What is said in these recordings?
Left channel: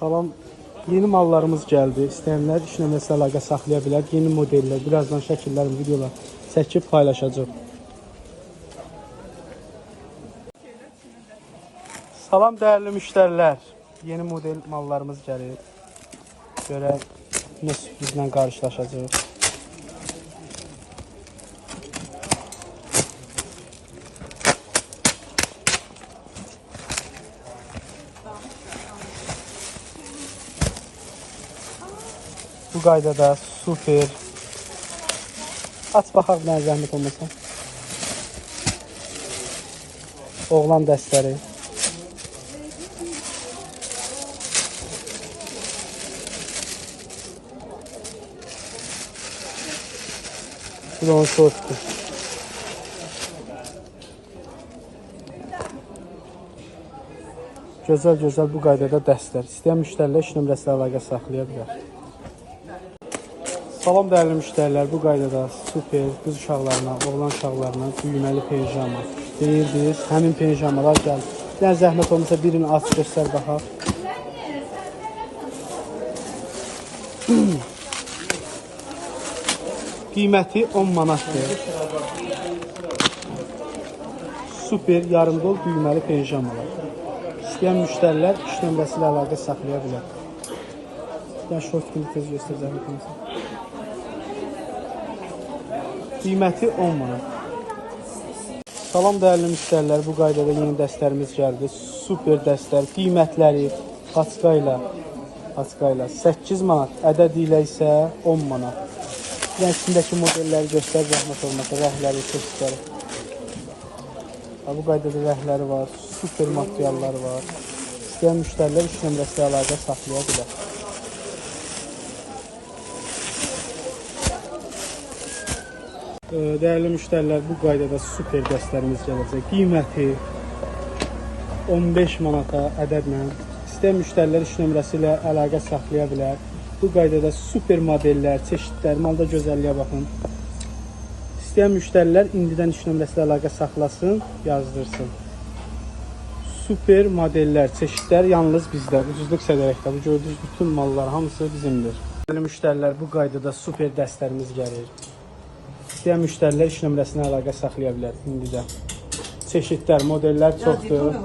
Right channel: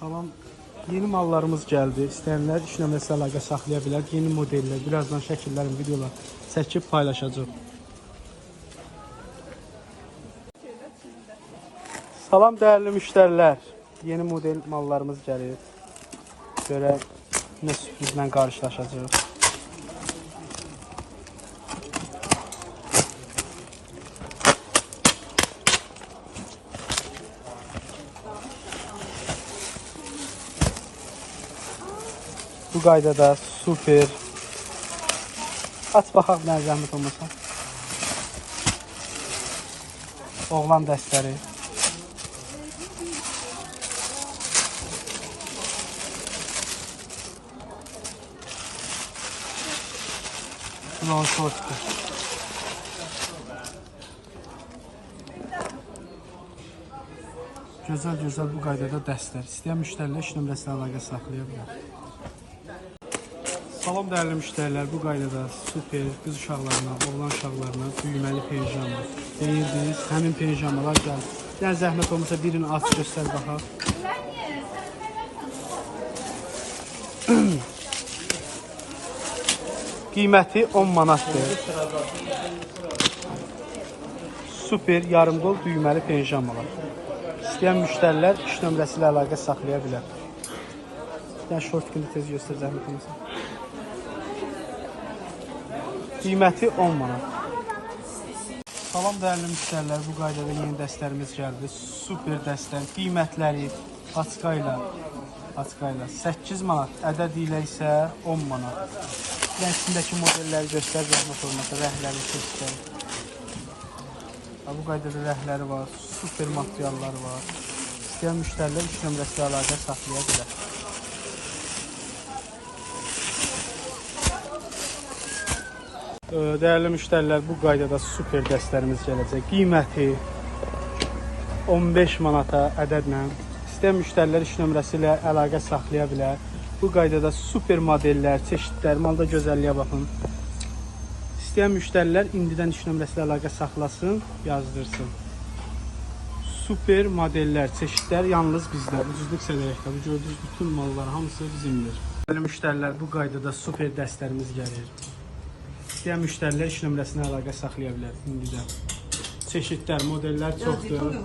Salam. Yeni mallarımız gəldi. İstəyənlər iş nömrəsi əlaqə saxlaya bilər. Yeni modellər, birazdan şəkillərin, videolar çəkib paylaşacağım. Salam dəyərli müştərilər. Yeni model mallarımız gəlir. Belə bizlə qarşılaşacağıq. Bu qaydada super. Aç baxaq nə zəhmət olmasa. Oğlan dəstəri. Bu onun şortdur. Gözəl bu qaydada dəstər. İstəyən müştərilər iş nömrəsi əlaqə saxlaya bilər. Salam dəyərli müştərilər, bu qaydada super qız uşaqlarına, oğlan uşaqlarına düyməli pijama deyildir. Həmin pijamalar gəlir. Yəni zəhmət olmasa birini aç göstər baxaq. Qiyməti 10 manatdır. Super yarımdol düyməli pijamalar. İstəyən müştərilər iş nömrəsi ilə əlaqə saxlaya bilər. Yəni şort kimi tez göstər zəhmət olmasa. Qiyməti 10 manat. Salam dəyərli müştərilər, bu qaydada yeni dəstlərimiz gəldi. Super dəstlər, qiymətləri paçka ilə 8 manat, ədəd ilə isə 10 manat. Yəni içindəki modelləri göstər zəhmət olmasa, rəhləri, çeşidləri. Bu qaydada rəhləri var, super materialları var. İstəyən müştərilər iş nömrəsi əlaqə saxlaya bilər. Dəyərli müştərilər, bu qaydada super dəstlərimiz gələcək. Qiyməti 15 manata ədədlə. İstəyən müştərilər iş nömrəsi ilə əlaqə saxlaya bilər. Bu qaydada super modellər, çeşidlər, malda gözəlliyə baxın. İstəyən müştərilər indidən iş nömrəsi ilə əlaqə saxlasın, yazdırsın. Super modellər, çeşidlər yalnız bizdə. Ucuzluq sədərəkdə. Bu gördüyünüz bütün mallar hamısı bizimdir. Dəyərli müştərilər, bu qaydada super dəstlərimiz gəlir. İstəyən müştərilər iş nömrəsinə əlaqə saxlaya bilər indidə. Çeşidlər, modellər çoxdur.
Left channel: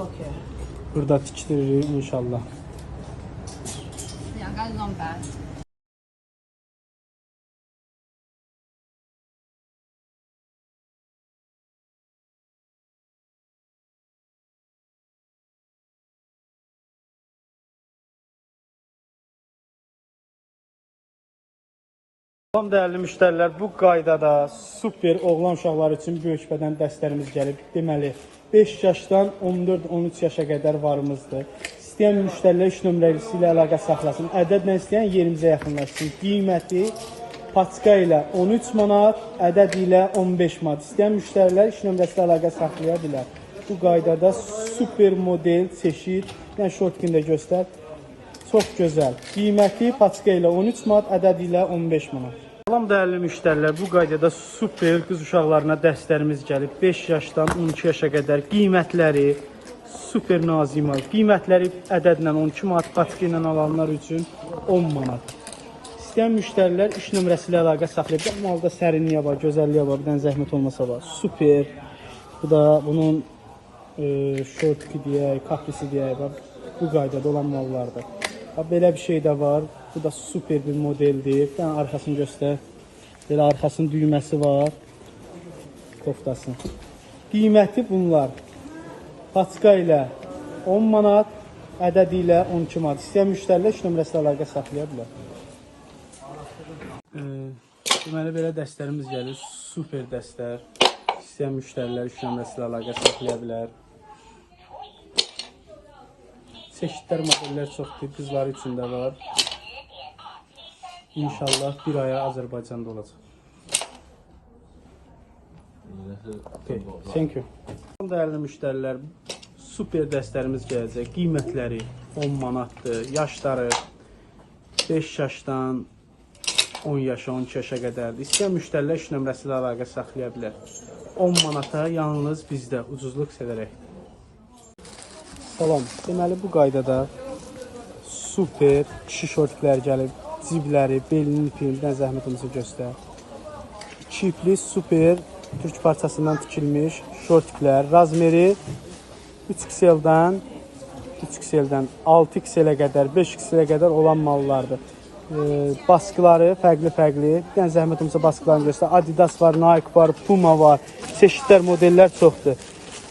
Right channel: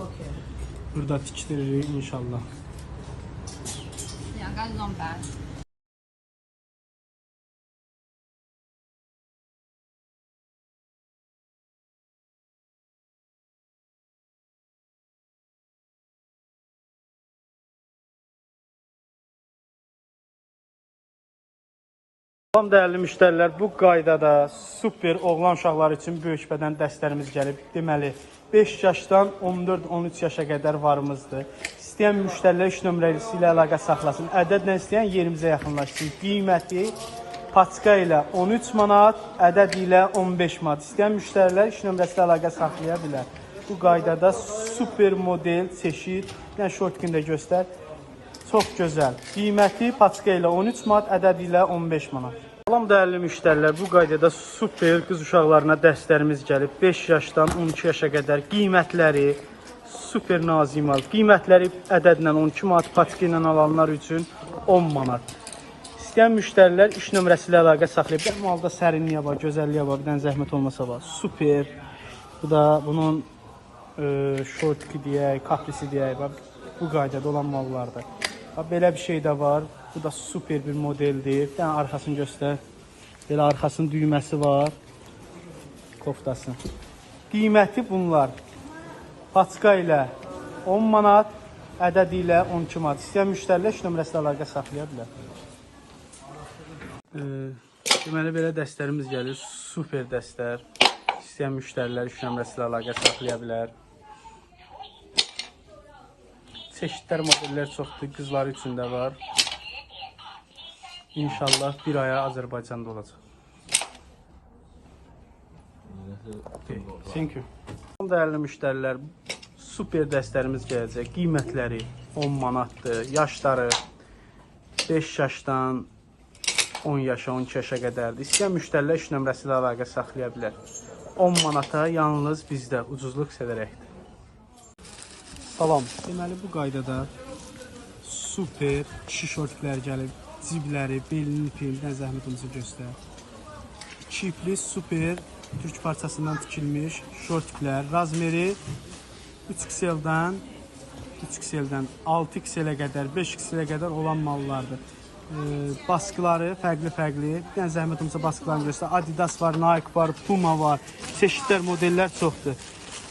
Burada tikdiririk inşallah. Salam dəyərli müştərilər, bu qaydada super oğlan uşaqları üçün böyük bədən dəstlərimiz gəlib. Deməli, 5 yaşdan 14-13 yaşa qədər varımızdır. İstəyən müştərilər iş nömrəsi ilə əlaqə saxlasın. Ədədlə istəyən yerimizə yaxınlaşsın. Qiyməti paçka ilə 13 manat, ədəd ilə 15 manat. İstəyən müştərilər iş nömrəsi ilə əlaqə saxlaya bilər. Bu qaydada super model, çeşid, yəni şort kimi də göstər. Çox gözəl. Qiyməti paçka ilə 13 manat, ədəd ilə 15 manat. Salam dəyərli müştərilər, bu qaydada super qız uşaqlarına dəstlərimiz gəlib. 5 yaşdan 12 yaşa qədər qiymətləri super nazimal. Qiymətləri ədədlə 12 manat, paçka ilə alanlar üçün 10 manat. İstəyən müştərilər iş nömrəsi ilə əlaqə saxlaya bilər. Malda sərinliyə var, gözəlliyə var, bir dənə zəhmət olmasa var. Super. Bu da bunun şortki deyək, kaprisi deyək. Bu qaydada olan mallardır. Belə bir şey də var. Bu da super bir modeldir. Bir dənə arxasını göstər. Belə arxasının düyməsi var. Koftasını. Qiyməti bunlar. Paçka ilə 10 manat, ədəd ilə 12 manat. İstəyən müştərilər iş nömrəsi əlaqə saxlaya bilər. Deməli, belə dəstlərimiz gəlir. Super dəstlər. İstəyən müştərilər iş nömrəsi əlaqə saxlaya bilər. Çeşidlər, modellər çoxdur, qızlar üçün də var. İnşallah bir aya Azərbaycanda olacaq. Okay, thank you. Dəyərli müştərilər, super dəstlərimiz gələcək. Qiymətləri 10 manatdır. Yaşları 5 yaşdan 10 yaşa, 12 yaşa qədərdir. İstəyən müştərilər iş nömrəsi ilə əlaqə saxlaya bilər. 10 manata yalnız bizdə ucuzluq sevərək. Salam. Deməli bu qaydada super kişi şortiklər gəlib. Cibləri, belinin ipindən zəhmətimizi göstər. 2 ipli super türk parçasından tikilmiş şortiklər. Razmeri 3XL-dən 6XL-ə qədər, 5XL-ə qədər olan mallardır. Baskıları fərqli-fərqli. Bir dənə zəhmətimizə baskılarını göstər. Adidas var, Nike var, Puma var. Çeşidlər, modellər çoxdur.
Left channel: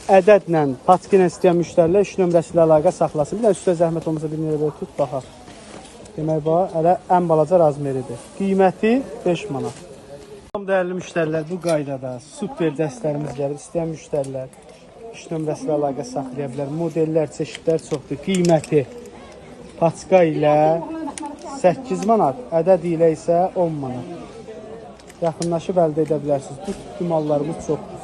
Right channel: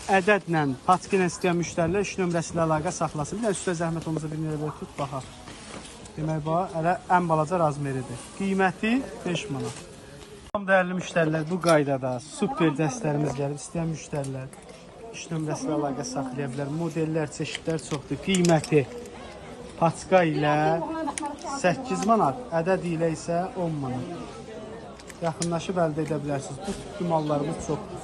Ədədlə, patiki ilə istəyən müştərilər 3 nömrəsi ilə əlaqə saxlasın. Bir dənə üstə zəhmətimizə bir nömrə tut, baxaq. Demək bax, hələ ən balaca razmeridir. Qiyməti 5 manat. Dəyərli müştərilər, bu qaydada super dəstlərimiz gəlib. İstəyən müştərilər 3 nömrəsi ilə əlaqə saxlaya bilər. Modellər, çeşidlər çoxdur. Qiyməti patika ilə 8 manat, ədəd ilə isə 10 manat. Yaxınlaşıb əldə edə bilərsiniz. Bu mallarımız çoxdur.